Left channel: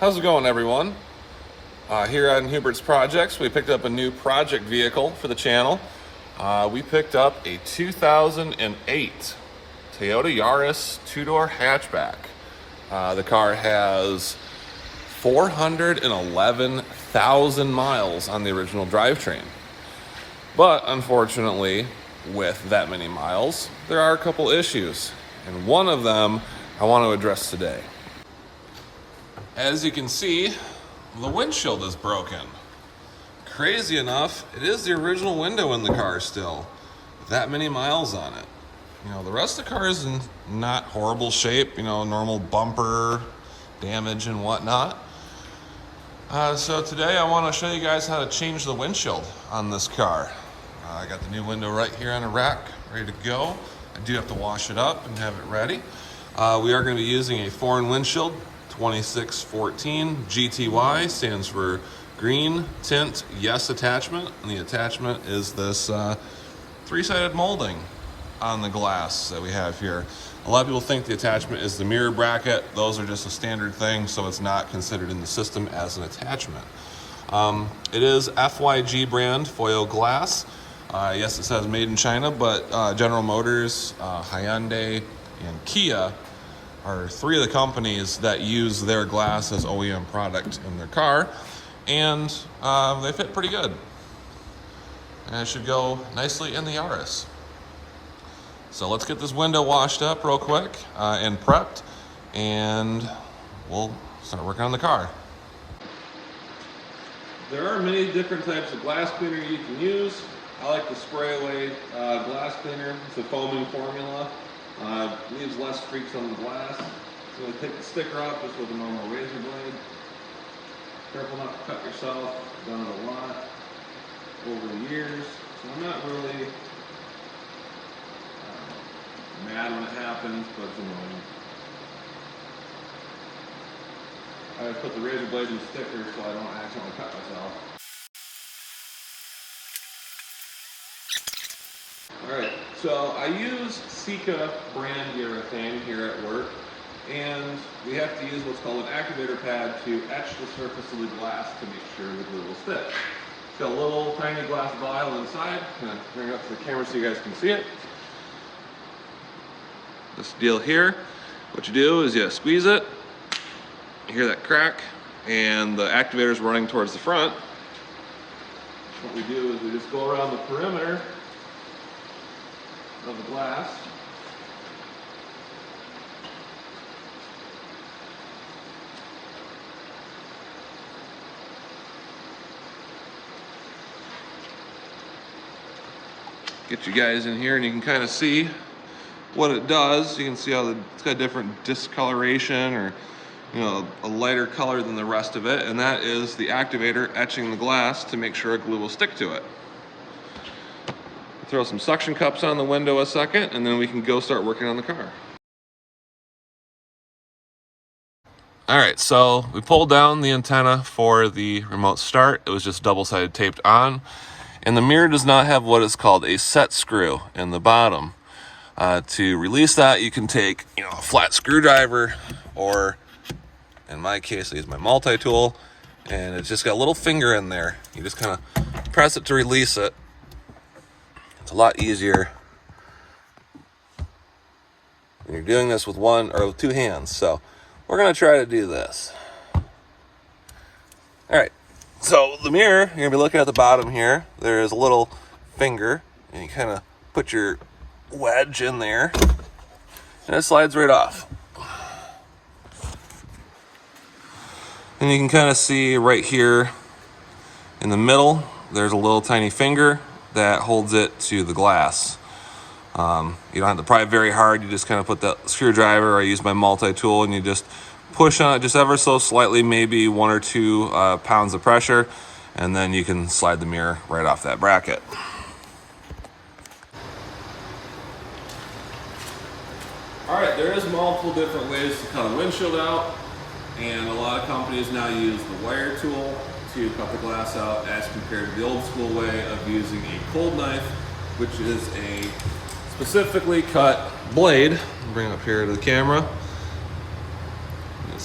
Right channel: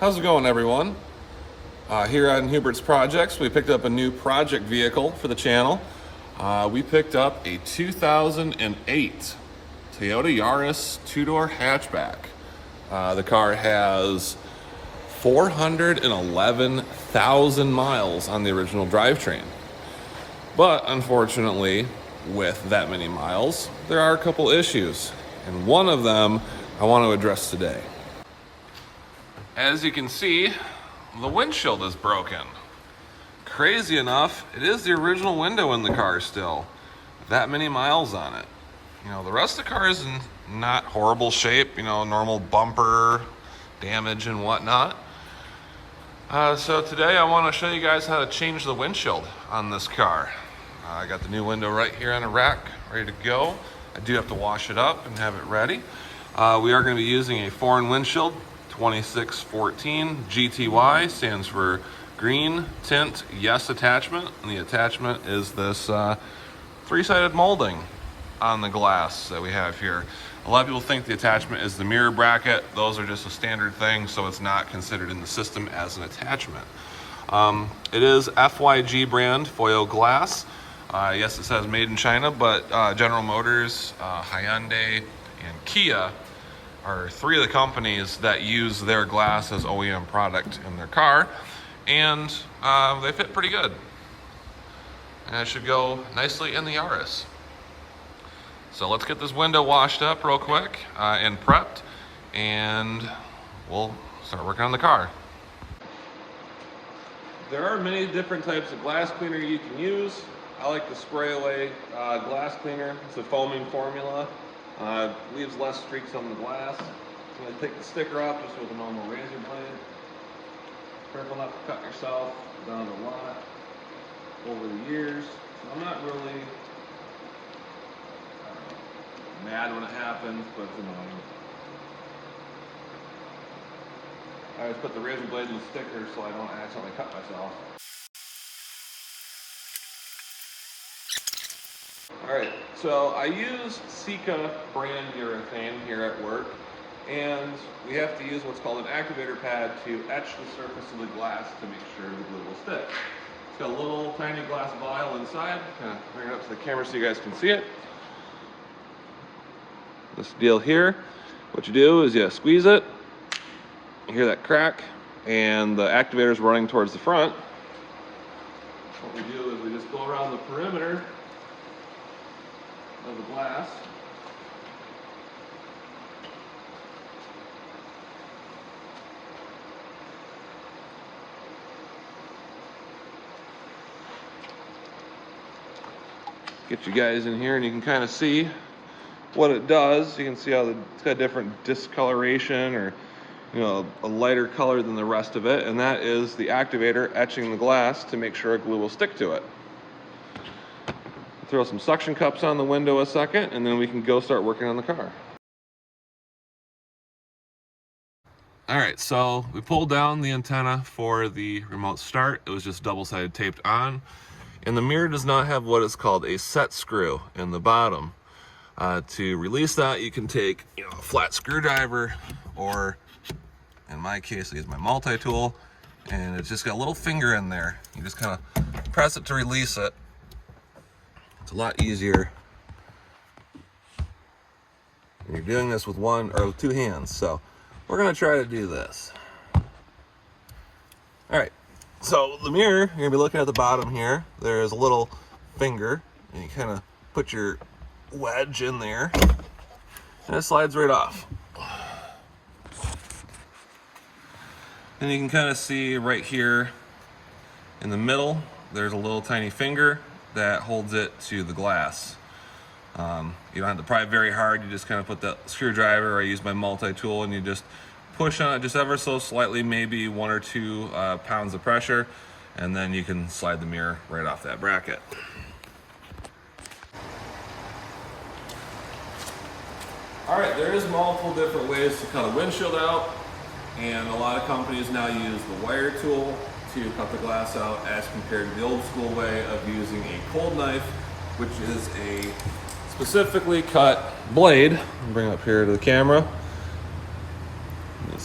How's it going, everyone? Here on Hubert's Projects, we picked up a new project vehicle for the channel. We picked up a 2008 Toyota Yaris two-door hatchback. The car has 411,000 miles on the original drivetrain. But unfortunately, with that many miles, there are a couple issues. And one of them I want to address today. As you can see, the windshield is broken. Crazy enough, it is the original window in the car still, with that many miles on it. You know, the rest of the car is in not horrible shape, normal bumper damage and whatnot. So today I want to show you guys how to change the windshield on this car. I got the new window right here on a rack, ready to go. I do have to wash it up and have it ready. We are going to be using a foreign windshield, 2614 GTY, stands for Green Tint Yes Attachment. And the attachment is this three-sided molding on the glass that we have here. A lot of people think the attachment is the mirror bracket. Those are just a standard thing, so it's not considered in the system as an attachment. It is FYG brand foil glass. Yes, it says made in China, but General Motors, Hyundai, and Kia are three of the companies that use their glass as OEM product in their car, and they fit pretty good. And it should go nicely in the Yaris. So let's get this window washed up real quick and prepped, and we'll start working on the car. There are many different types of glass cleaner you can use. I like the spray away glass cleaner. It's a foaming formula. Leaves less streaks on the glass. I'm going to take the sticker off just with a normal razor blade. Careful not to cut yourself. I've done it a lot over the years, so I'm not really mad when it happens, but it's annoying. I always put the razor blade in the sticker so I don't accidentally cut myself. Alright, so I use Sika brand urethane here at work, and we have to use what's called an activator pad to etch the surface of the glass to make sure the glue will stick. It's got a little tiny glass vial inside. Kind of bring it up to the camera so you guys can see it. This deal here, what you do is you squeeze it, you hear that crack, and the activator is running towards the front. What we do is we just go around the perimeter of the glass. Get you guys in here and you can kind of see what it does. You can see how it's got different discoloration, or a lighter color than the rest of it, and that is the activator etching the glass to make sure glue will stick to it. Throw some suction cups on the window a second, and then we can go start working on the car. Alright, so we pulled down the antenna for the remote start. It was just double-sided taped on, and the mirror does not have what is called a set screw in the bottom. To release that, you can take a flat screwdriver, or in my case I use my multi-tool, and it's just got a little finger in there. You just kind of press it to release it. It's a lot easier when you're doing this with one or with two hands. So we're going to try to do this. Alright, so the mirror, you're going to be looking at the bottom here. There's a little finger, and you kind of put your wedge in there, and it slides right off. And you can kind of see right here in the middle, there's a little tiny finger that holds it to the glass. You don't have to pry it very hard. You just kind of put that screwdriver, or I use my multi-tool, and you just push on it just ever so slightly, maybe 1 or 2 pounds of pressure, and then you can slide the mirror right off that bracket. Alright, there is multiple different ways to cut a windshield out, and a lot of companies now use the wire tool to cut the glass out, as compared to the old school way of using a cold knife, which is a specifically cut blade. I'll bring it up here to the camera.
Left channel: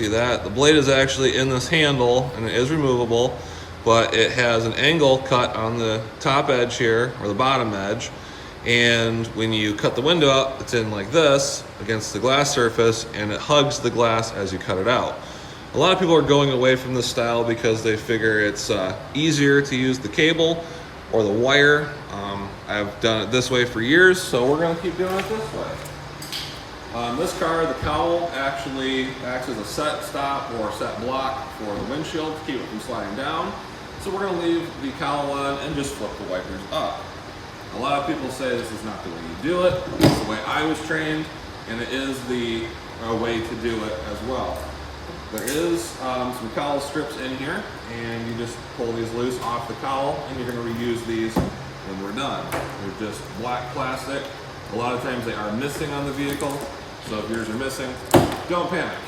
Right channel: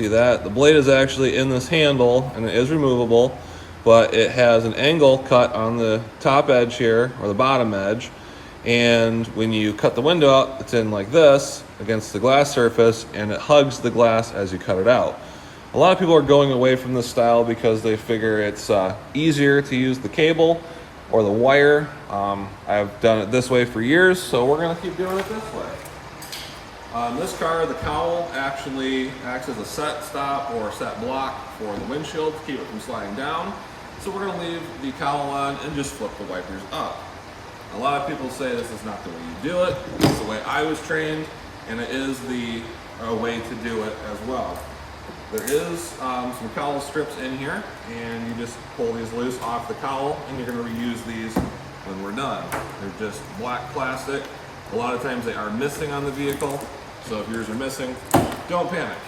see that? The blade is actually in this handle and it is removable, but it has an angle cut on the top edge here, or the bottom edge. And when you cut the window out, it's in like this against the glass surface, and it hugs the glass as you cut it out. A lot of people are going away from this style because they figure it's easier to use the cable or the wire. I've done it this way for years, so we're gonna keep doing it this way. On this car, the cowl actually acts as a set stop or set block for the windshield to keep it from sliding down. So we're gonna leave the cowl on and just flip the wipers up. A lot of people say this is not the way you do it. It's the way I was trained, and it is the way to do it as well. There is some cowl strips in here, and you just pull these loose off the cowl, and you're gonna reuse these when we're done. They're just black plastic. A lot of times they are missing on the vehicle, so if yours are missing, don't panic.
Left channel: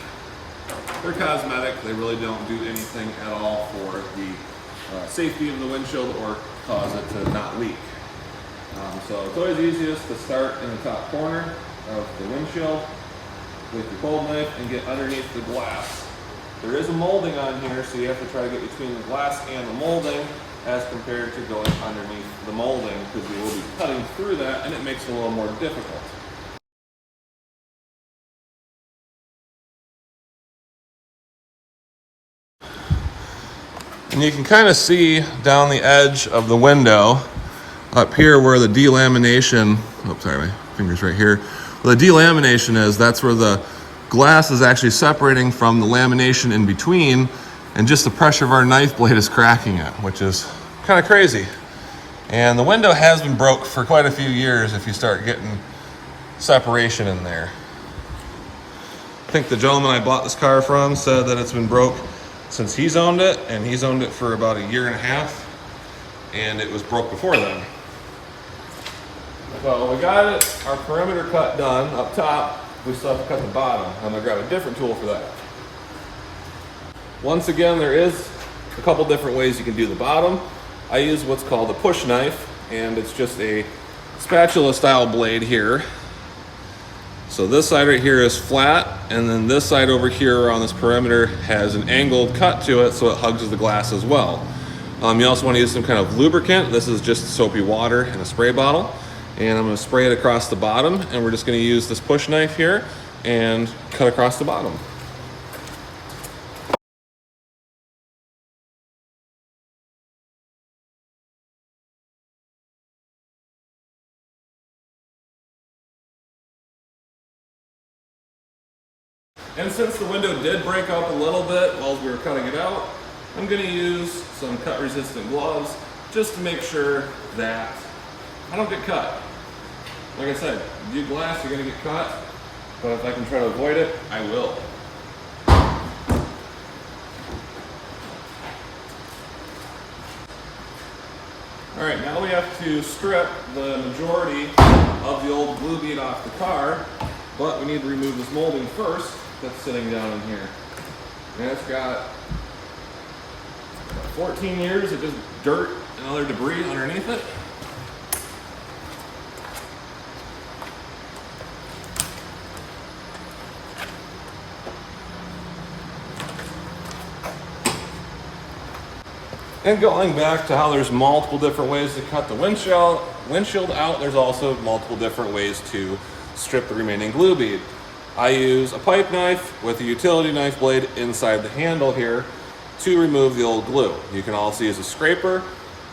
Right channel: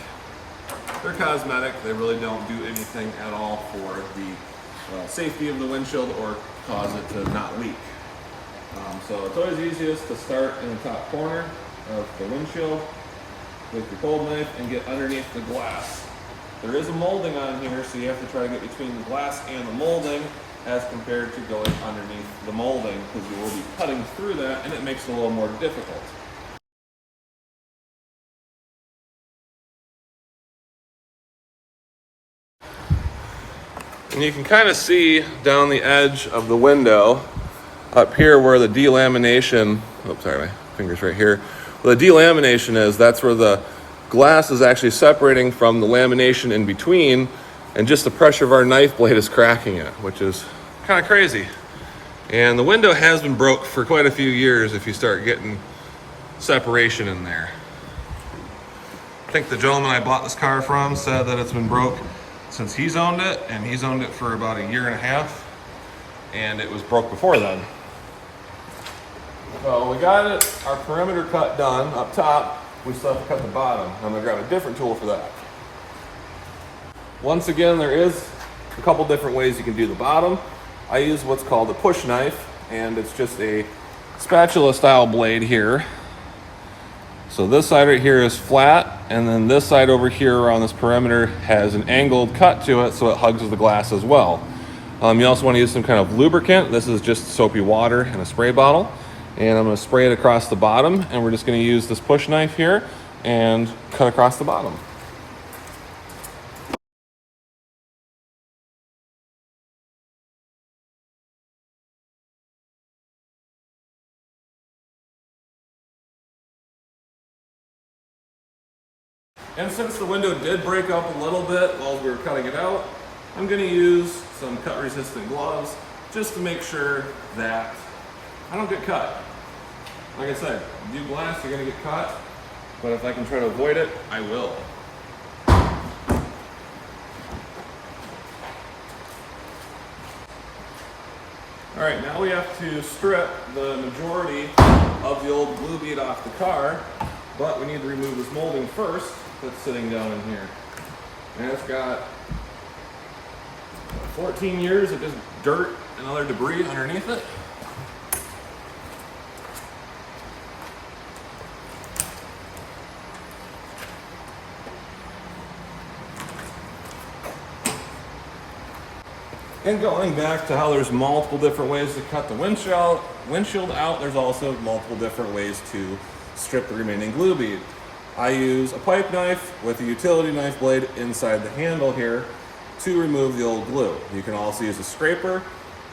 They're cosmetic. They really don't do anything at all for the safety of the windshield or cause it to not leak. So it's always easiest to start in the top corner of the windshield with your cold knife and get underneath the glass. There is a molding on here, so you have to try to get between the glass and the molding as compared to going underneath the molding, because you will be cutting through that and it makes it a little more difficult. And you can kind of see down the edge of the window up here where the delamination, oops, sorry, my finger's right here. Where the delamination is, that's where the glass is actually separating from the lamination in between, and just the pressure of our knife blade is cracking it, which is kind of crazy. And the window has been broke for quite a few years if you start getting separation in there. I think the gentleman I bought this car from said that it's been broke since he's owned it, and he's owned it for about 1.5 years, and it was broke before then. So we got it, our perimeter cut done up top. We still have to cut the bottom. I'm gonna grab a different tool for that. Once again, there is a couple different ways you can do the bottom. I use what's called a push knife, and it's just a spatula style blade here. So this side right here is flat, and then this side over here around this perimeter has an angled cut to it, so it hugs the glass as well. You also want to use some kind of lubricant. This is just soapy water in a spray bottle. And I'm going to spray it across the bottom, and we're just going to use this push knife here and cut across the bottom. And since the window did break up a little bit while we were cutting it out, I'm going to use some cut resistant gloves just to make sure that I don't get cut. Like I said, you do glass, you're gonna get cut, but if I can try to avoid it, I will. All right, now we have to strip the majority of the old glue bead off the car, but we need to remove this molding first that's sitting down in here. And it's got 14 years of just dirt and other debris underneath it. And going back to how there's multiple different ways to cut the windshield out, there's also multiple different ways to strip the remaining glue bead. I use a pipe knife with a utility knife blade inside the handle here to remove the old glue. You can also use a scraper,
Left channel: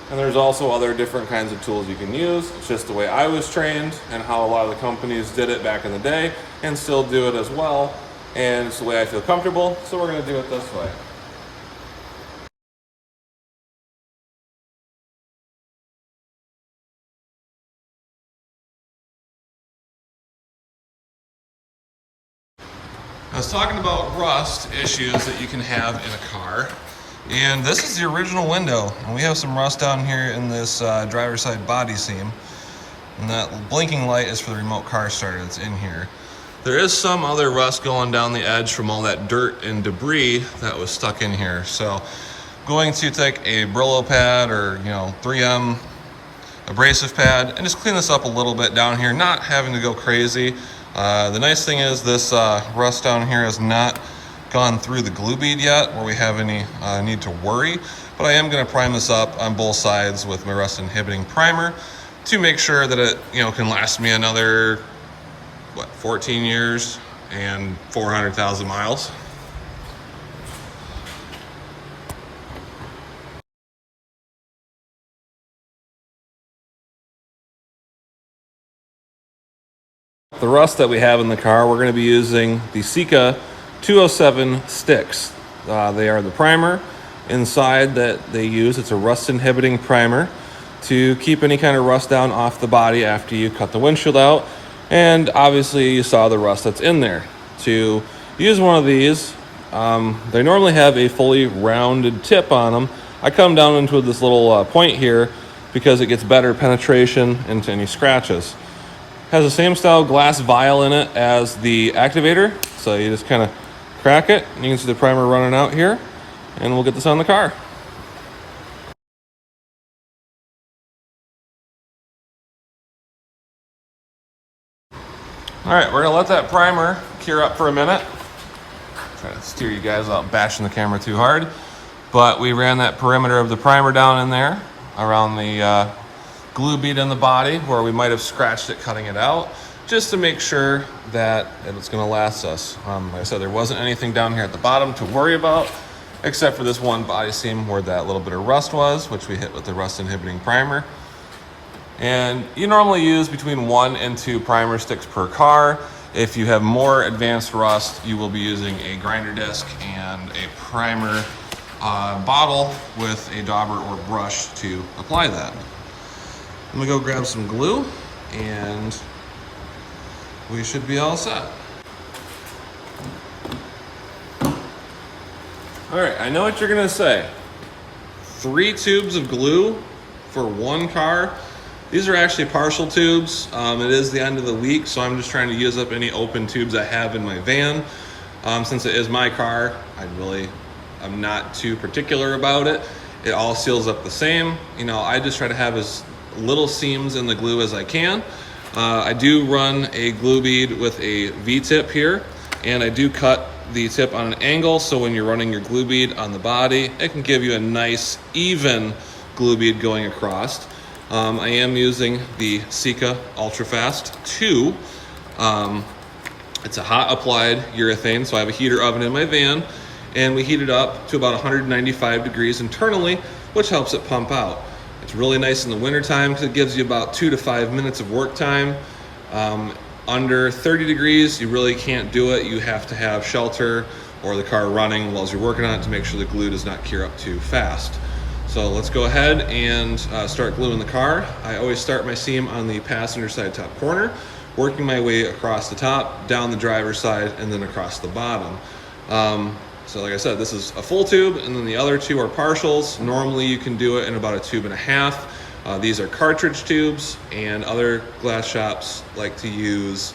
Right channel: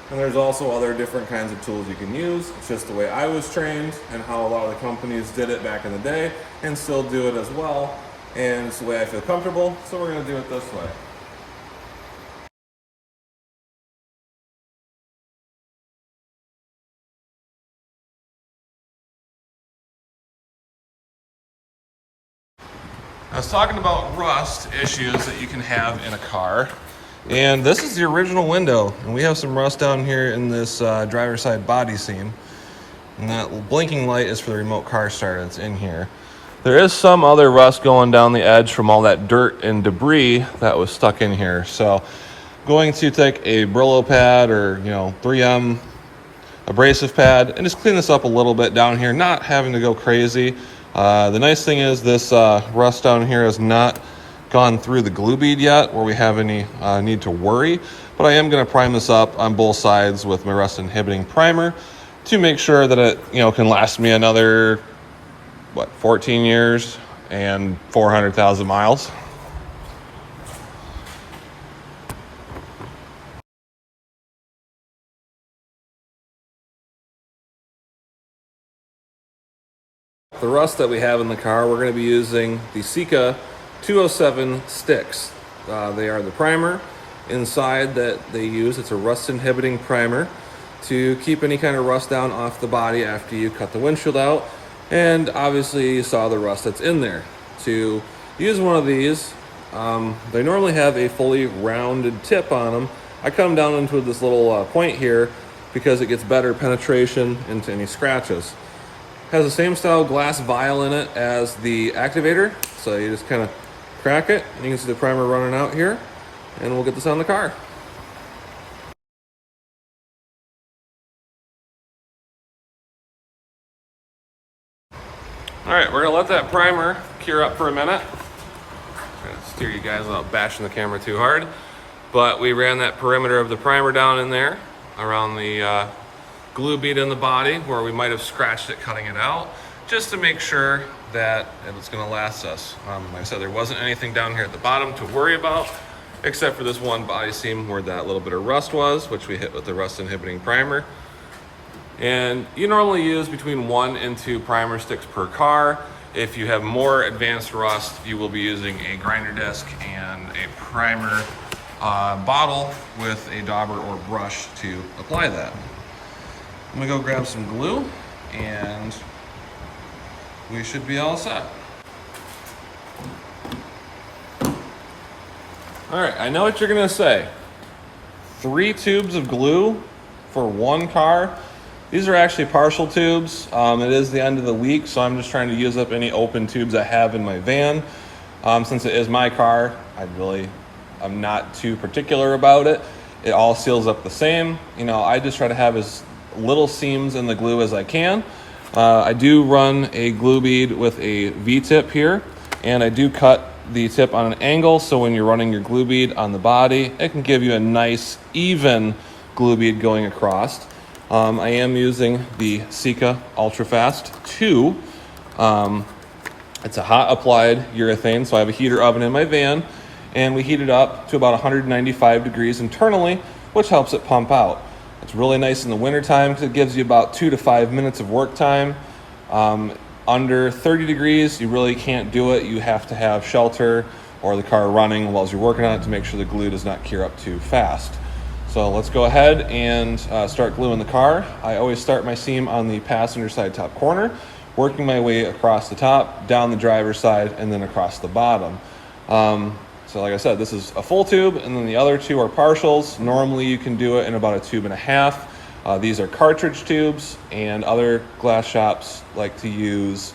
and there's also other different kinds of tools you can use. It's just the way I was trained and how a lot of the companies did it back in the day and still do it as well. And it's the way I feel comfortable, so we're gonna do it this way. I was talking about rust issues that you can have in a car, and this is the original window, and we have some rust down here in this driver's side body seam, and that blinking light is for the remote car start. It's in here. There is some other rust going down the edge from all that dirt and debris that was stuck in here, so I'm going to take a Brillo pad or 3M abrasive pad and just clean this up a little bit down here, not having to go crazy. The nice thing is this rust down here is not gone through the glue bead yet where we have any need to worry, but I am going to prime this up on both sides with my rust inhibiting primer to make sure that it, you know, can last me another, 14 years and 400,000 miles. The rust that we have in the car, we're going to be using the Sika 207 sticks. They are the primer inside that they use. It's a rust inhibiting primer to keep any kind of rust down off the body after you cut the windshield out. And obviously you saw the rust that's in there. To use one of these, they normally have a fully rounded tip on them. I come down into this little point here because it gets better penetration into any scratches. Has the same style glass vial in it as the activator, so you just kind of crack it. You can see the primer running out here, and we'll get this on the car. All right, we're gonna let that primer cure up for a minute. Try to steer you guys without bashing the camera too hard. But we ran that perimeter of the primer down in there around the glue bead in the body where we might have scratched it cutting it out, just to make sure that it's going to last us. Like I said, there wasn't anything down here at the bottom to worry about, except for this one body seam where that little bit of rust was, which we hit with the rust inhibiting primer. And you normally use between 1 and 2 primer sticks per car. If you have more advanced rust, you will be using a grinder disc and a primer bottle with a dauber or brush to apply that. I'm gonna go grab some glue and we should be all set. All right, I know what you're gonna say. 3 tubes of glue for 1 car. These are actually partial tubes. It is the end of the week, so I'm just trying to use up any open tubes I have in my van. Since it is my car, I'm not too particular about it. It all seals up the same. You know, I just try to have as little seams in the glue as I can. I do run a glue bead with a V-tip here, and I do cut the tip on an angle, so when you're running your glue bead on the body, it can give you a nice even glue bead going across. I am using the Sika Ultra Fast 2. It's a hot applied urethane, so I have a heater oven in my van, and we heat it up to about 195 degrees internally, which helps it pump out. It's really nice in the wintertime because it gives you about 2 to 5 minutes of work time. Under 30 degrees, you really can't do it. You have to have shelter or the car running while you're working on it to make sure the glue does not cure up too fast. So let's go ahead and start gluing the car. I always start my seam on the passenger side top corner, working my way across the top, down the driver's side, and then across the bottom. So like I said, this is a full tube, and then the other 2 are partials. Normally you can do it in about a 1.5 tubes. These are cartridge tubes, and other glass shops like to use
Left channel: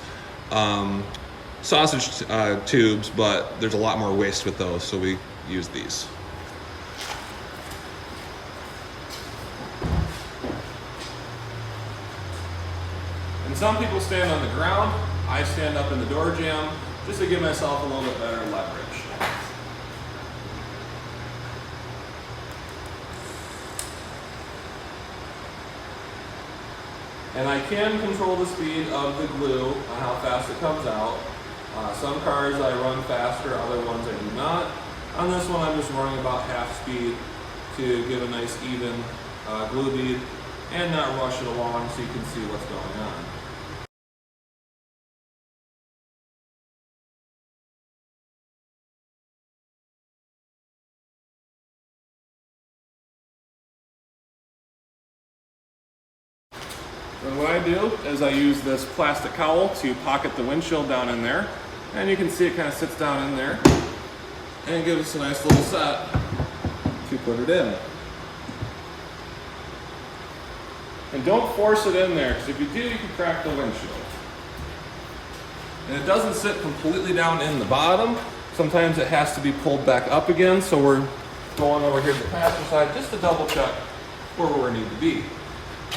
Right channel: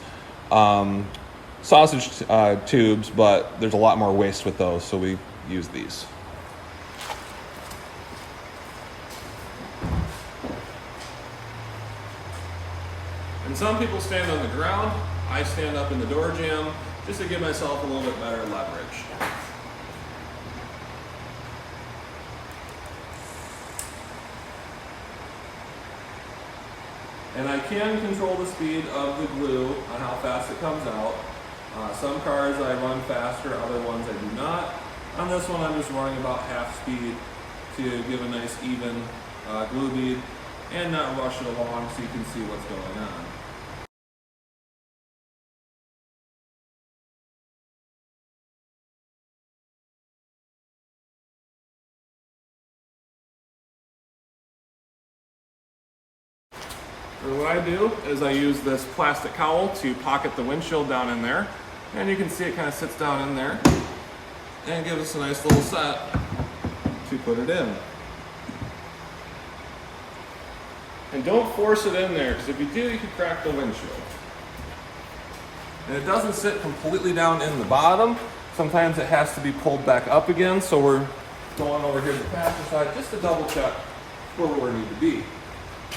sausage tubes, but there's a lot more waste with those, so we use these. And some people stand on the ground. I stand up in the door jamb just to give myself a little bit better leverage. And I can control the speed of the glue on how fast it comes out. Some cars I run faster, other ones I do not. On this one I'm just running about half speed to give a nice even glue bead and not rush it along so you can see what's going on. And what I do is I use this plastic cowl to pocket the windshield down in there. And you can see it kind of sits down in there and gives us a nice little set to put it in. And don't force it in there, because if you do, you can crack the windshield. And it doesn't sit completely down in the bottom. Sometimes it has to be pulled back up again, so we're going over here to the passenger side just to double check where we need to be.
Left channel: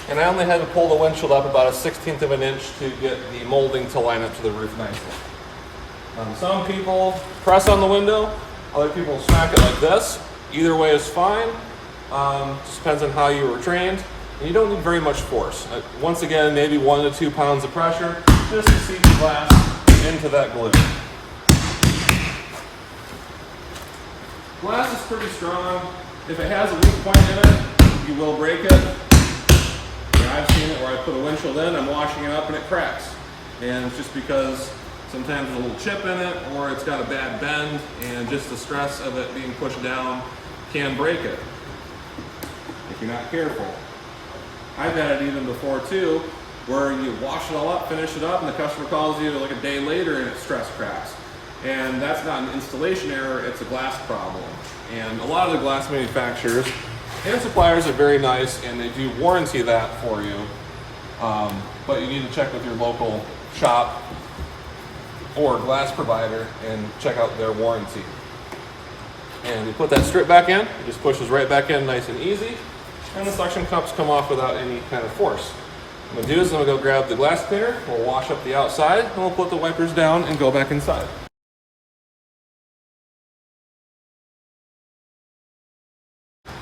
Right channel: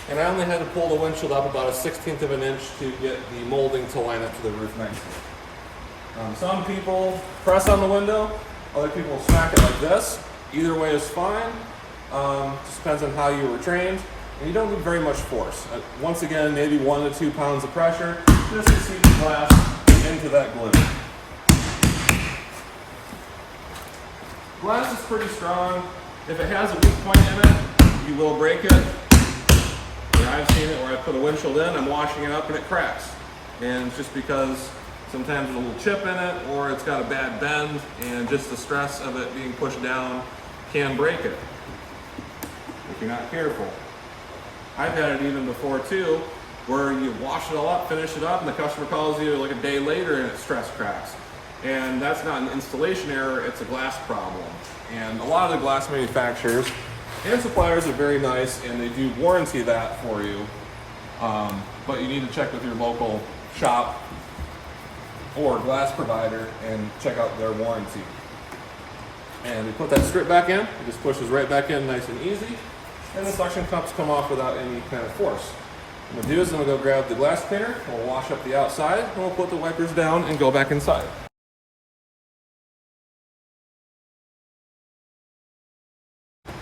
And I only had to pull the windshield up about 1/16 of an inch to get the molding to line up to the roof nicely. Some people press on the window, other people smack it like this. Either way is fine. Just depends on how you were trained. And you don't need very much force. Once again, maybe 1 to 2 pounds of pressure just to seat the glass into that glue. Glass is pretty strong. If it has a weak point in it, you will break it. Yeah, I've seen it where I put a windshield in, I'm washing it up and it cracks. And it's just because sometimes there's a little chip in it or it's got a bad bend, and just the stress of it being pushed down can break it if you're not careful. I've had it even before too, where you wash it all up, finish it up, and the customer calls you like a day later and it stress cracks. And that's not an installation error, it's a glass problem. And a lot of the glass manufacturers and suppliers are very nice and they do warranty that for you. But you need to check with your local shop or glass provider and check out their warranty. And you put that strip back in, it just pushes right back in nice and easy, and the suction cups come off without any kind of force. What I'm gonna do is I'm gonna go grab the glass cleaner, we'll wash up the outside, and we'll put the wipers down and go back inside.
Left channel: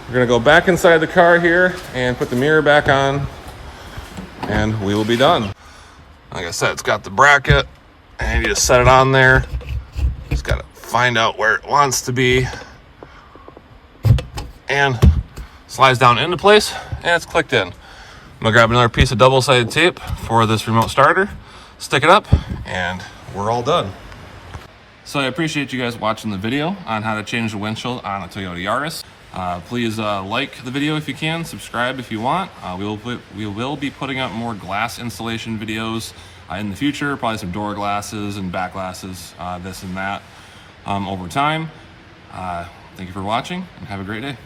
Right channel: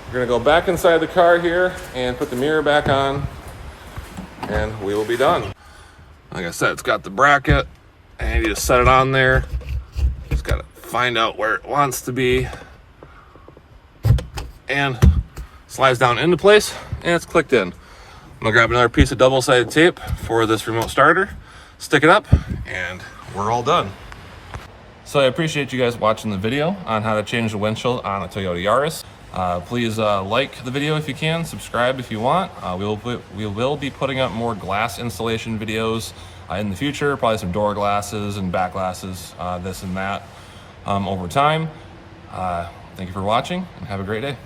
We're gonna go back inside the car here and put the mirror back on, and we will be done. Like I said, it's got the bracket, and you just set it on there. Just gotta find out where it wants to be, and slides down into place, and it's clicked in. I'm gonna grab another piece of double-sided tape for this remote starter, stick it up, and we're all done. So I appreciate you guys watching the video on how to change the windshield on a Toyota Yaris. Please like the video if you can, subscribe if you want. We will be putting up more glass installation videos in the future, probably some door glasses and back glasses, this and that over time. Thank you for watching and have a great day.